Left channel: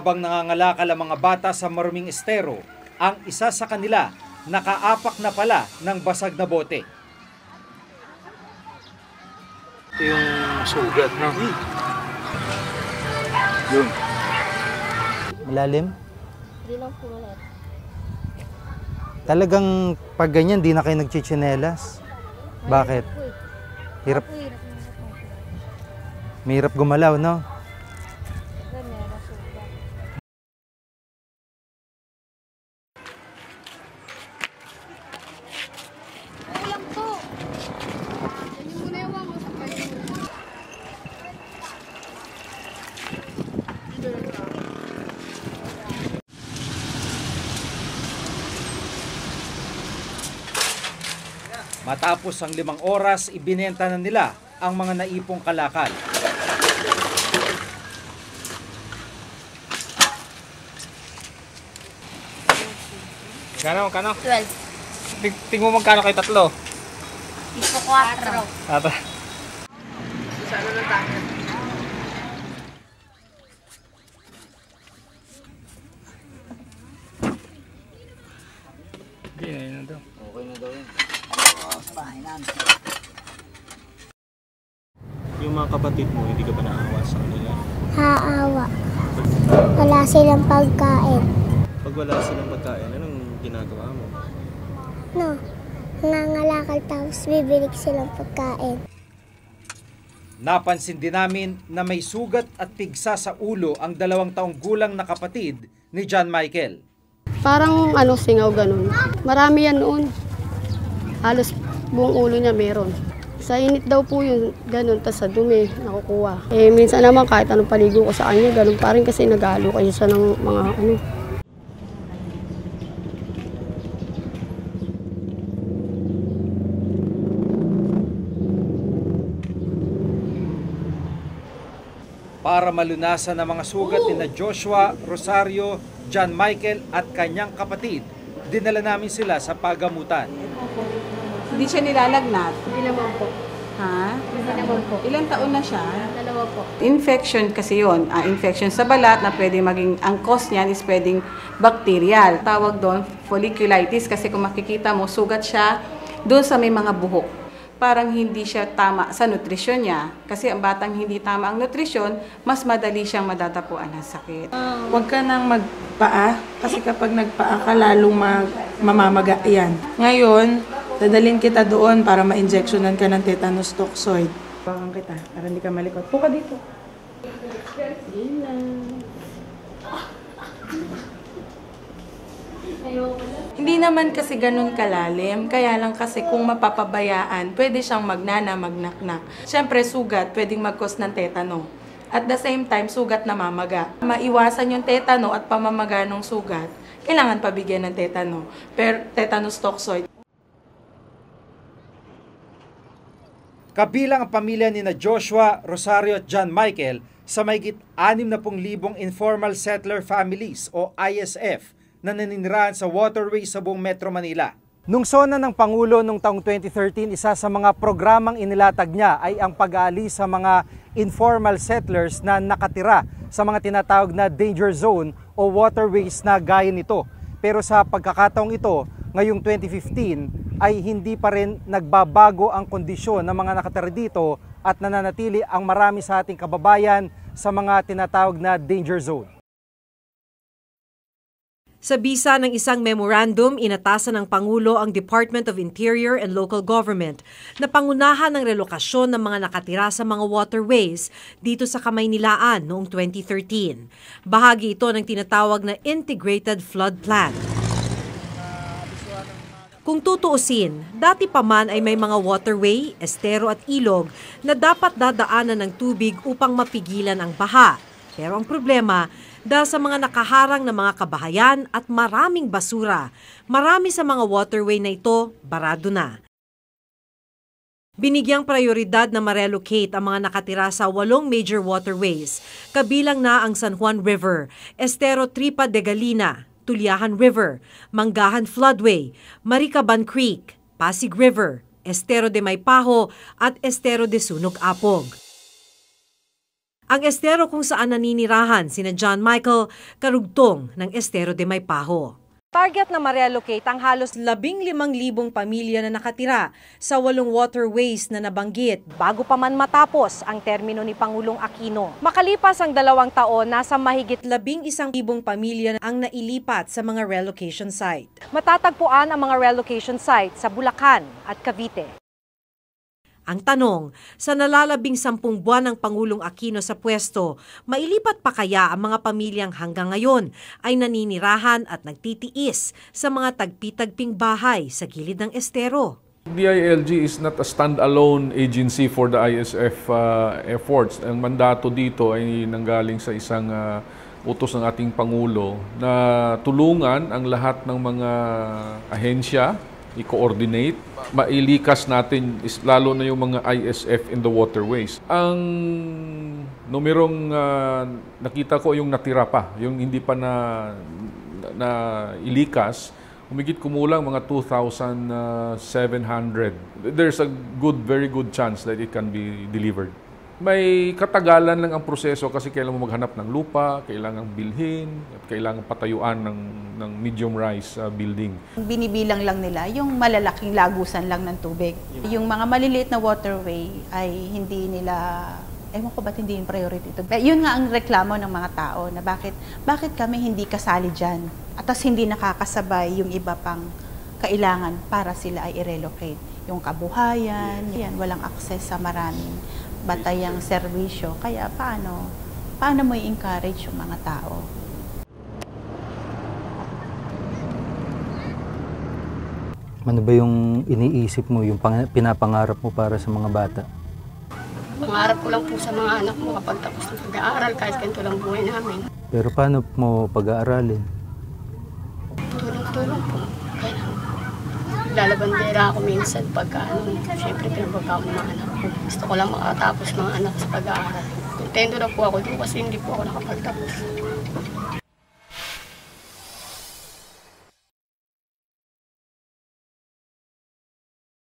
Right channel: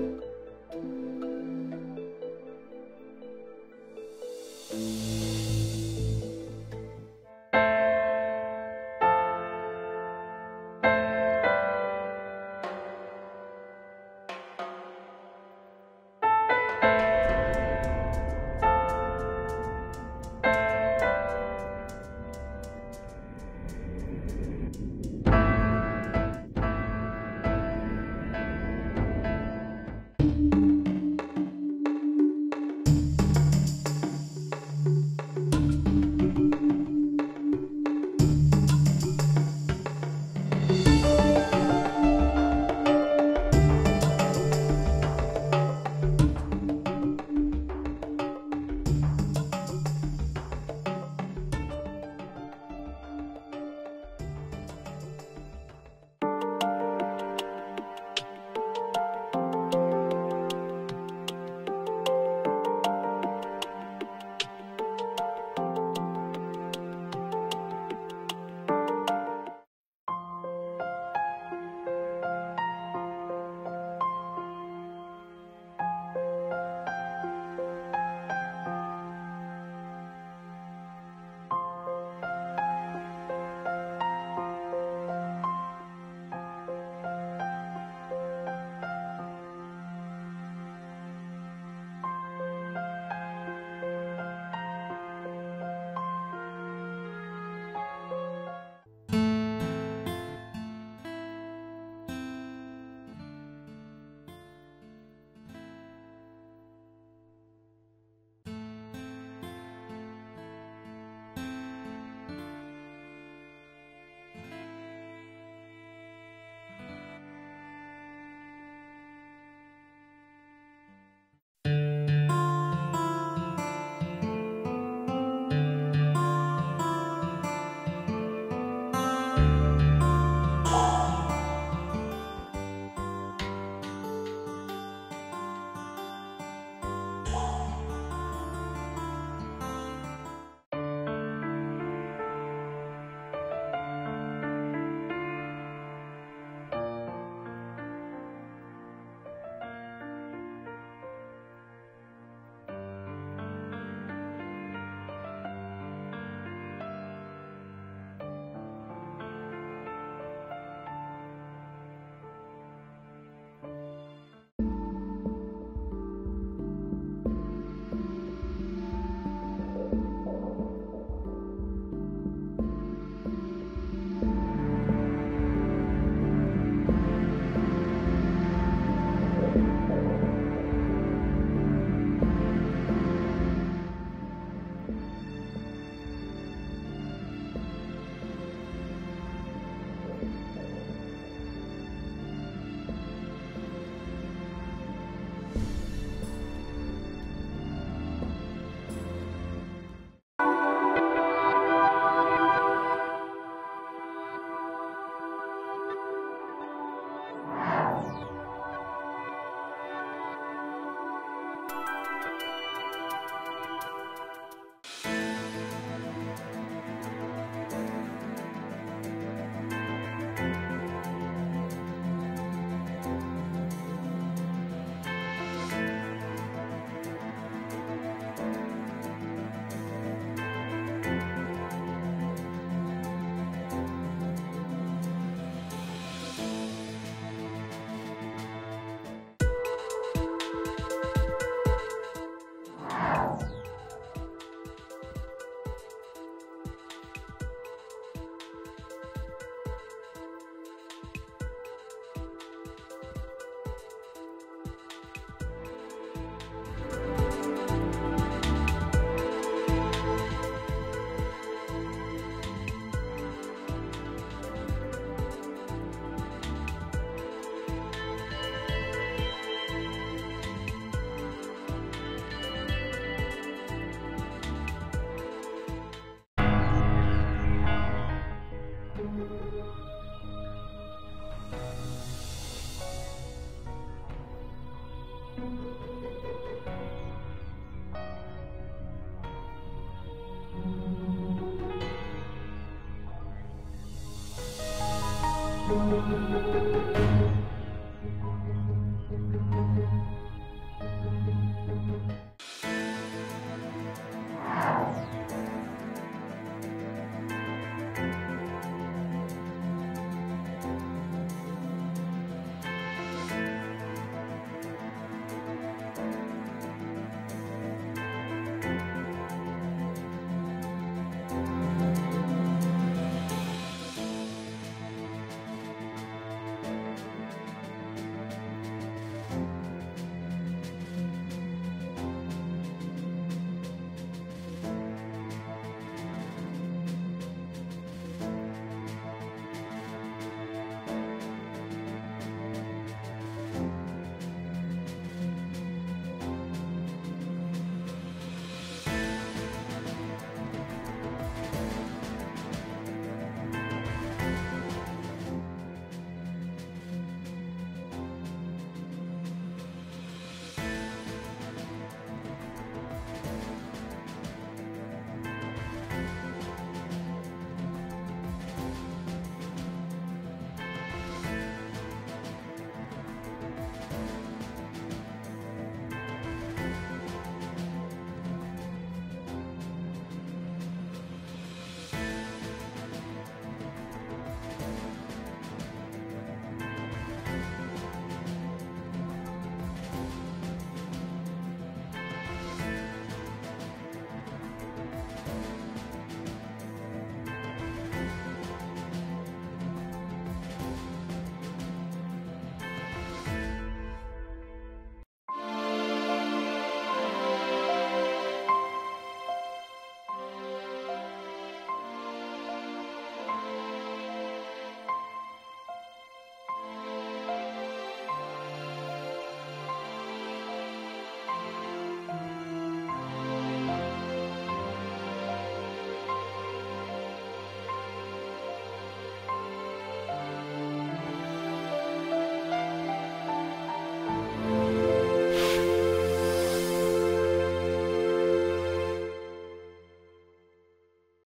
Habang nangangalakal ang mga bata sa maruming estero, ang isa sa kanila nakaapak na pala ng basag na bote. Ito yung sugat, no? Yun. Malalim. Talagang pag ganyan, di na kayo nagchichinelas. Bakit? Hirap. Mahirap gumalaw, no? Matapos ang 5 oras, ibinenta na nila ang mga naipong kalakal. Kano? 12. Tingnan mo magkano kay tatlo? Ipo 4. Tata. Yung mga kapatid mo, hindi ka ba naawa sa kanila? Haawa. Wala silang pagkain. Pag wala silang pagkain, anong ginagawa mo? No, nangangalakal tapos bibili silang pagkain. Napansin din namin na may sugat at pigsa sa ulo ang 2 taong gulang na kapatid ni John Michael. Parang singaw ganun. Marami yan noon. Halos buong ulo niya meron. Sa init daw po yun, ganun, tas sa dumi, nakukuha. Minsan naman kahit anong paligo ko sa kanya, ganun pa rin kasi nag-aalo kayo sa ng mga Para malunasan ang mga sugat ni Joshua, Rosario, John Michael at kanyang kapatid, dinala namin sila sa pagamutan. Hindi siya nilalagnat? Hindi naman po. Ha? Hindi naman po. Ilang taon na siya? 2 po. Infection kasi yun. Infection sa balat na pwede maging, ang cause niyan is pwedeng bacterial. Tawag doon folliculitis kasi kung makikita mo, sugat siya doon sa may mga buhok. Parang hindi siya tama sa nutrisyon niya. Kasi ang batang hindi tama ang nutrisyon, mas madali siyang madatapuan ng sakit. Huwag ka nang magpaa kasi kapag nagpaa ka lalong mamamaga yan. Ngayon, dadalhin kita doon para ma-injectionan ka ng tetanus toxoid. Bakang kita, para hindi ka malipat. Puka dito. Hindi naman kasi ganun kalalim, kaya lang kasi kung mapapabayaan, pwede siyang magnana, magnaknak. Siyempre, sugat, pwedeng mag-cause ng tetano. At the same time, sugat na mamaga. Maiwasan yung tetano at pamamaga ng sugat, kailangan pabigyan ng tetano, tetanus toxoid. Kabilang ang pamilya ni Joshua, Rosario at John Michael sa mahigit 60,000 informal settler families o ISF na naninirahan sa waterways sa buong Metro Manila. Nung sona ng Pangulo noong taong 2013, isa sa mga programang inilatag niya ay ang pag-aalis sa mga informal settlers na nakatira sa mga tinatawag na danger zone o waterways na gaya nito. Pero sa pagkakataong ito, ngayong 2015 ay hindi pa rin nagbabago ang kondisyon ng mga nakatira dito at nananatili ang marami sa ating kababayan sa mga tinatawag na danger zone. Sa bisa ng isang memorandum, inatasan ng Pangulo ang Department of Interior and Local Government na pangunahan ng relokasyon ng mga nakatira sa mga waterways dito sa Kamaynilaan noong 2013. Bahagi ito ng tinatawag na Integrated Flood Plan. Kung tutuusin, dati pa man ay may mga waterway, estero at ilog na dapat dadaanan ng tubig upang mapigilan ang baha. Pero ang problema, dahil sa mga nakaharang na mga kabahayan at maraming basura, marami sa mga waterway na ito barado na. Binigyang prioridad na ma-relocate ang mga nakatira sa 8 major waterways, kabilang na ang San Juan River, Estero Tripa de Galina, Tulyahan River, Manggahan Floodway, Maricaban Creek, Pasig River, Estero de Maypaho at Estero de Sunog Apog. Ang estero kung saan naninirahan sina John Michael, karugtong ng estero de Maypajo. Target na ma-relocate ang halos 15,000 pamilya na nakatira sa 8 waterways na nabanggit bago pa man matapos ang termino ni Pangulong Aquino. Makalipas ang 2 taon, nasa mahigit 11,000 pamilya ang nailipat sa mga relocation site. Matatagpuan ang mga relocation site sa Bulacan at Cavite. Ang tanong, sa nalalabing 10 buwan ng Pangulong Aquino sa pwesto, mailipat pa kaya ang mga pamilyang hanggang ngayon ay naninirahan at nagtitiis sa mga tagpi-tagping bahay sa gilid ng estero? DILG is not a stand-alone agency for the ISF efforts. Ang mandato dito ay nanggaling sa isang utos ng ating Pangulo na tulungan ang lahat ng mga ahensya, i-coordinate, mailikas natin is lalo na yung mga ISF in the waterways. Ang numerong nakita ko yung natira pa, yung hindi pa na ilikas, humigit kumulang mga 2,700. There's a very good chance that it can be delivered. May katagalan lang ang proseso kasi kailangan mo maghanap ng lupa, kailangan bilhin, kailangan patayuan ng medium-rise building. Binibilang lang nila yung malalaking lagusan lang ng tubig. Yung mga maliliit na waterway ay hindi nila, ewan ko ba't hindi yung priority ito. Yun nga ang reklamo ng mga tao na bakit kami hindi kasali dyan at tas hindi nakakasabay yung iba pang kailangan para sila ay i-relocate. Yung kabuhayan, yan, walang access sa maraming batayang serbisyo. Kaya paano mo i-encourage yung mga tao? Ano ba yung iniisip mo, yung pinapangarap mo para sa mga bata? Pangarap ko lang po sa mga anak mo kapag tapos ng pag-aaral kahit ganito lang buhay namin. Pero paano mo pag-aaralin? Tulong po. Lalabandera ako minsan pagka siyempre pinapagawa mga anak ko. Gusto ko lang makatapos mga anak sa pag-aaral. Contento na po ako doon kasi hindi po ako nakapagtapos.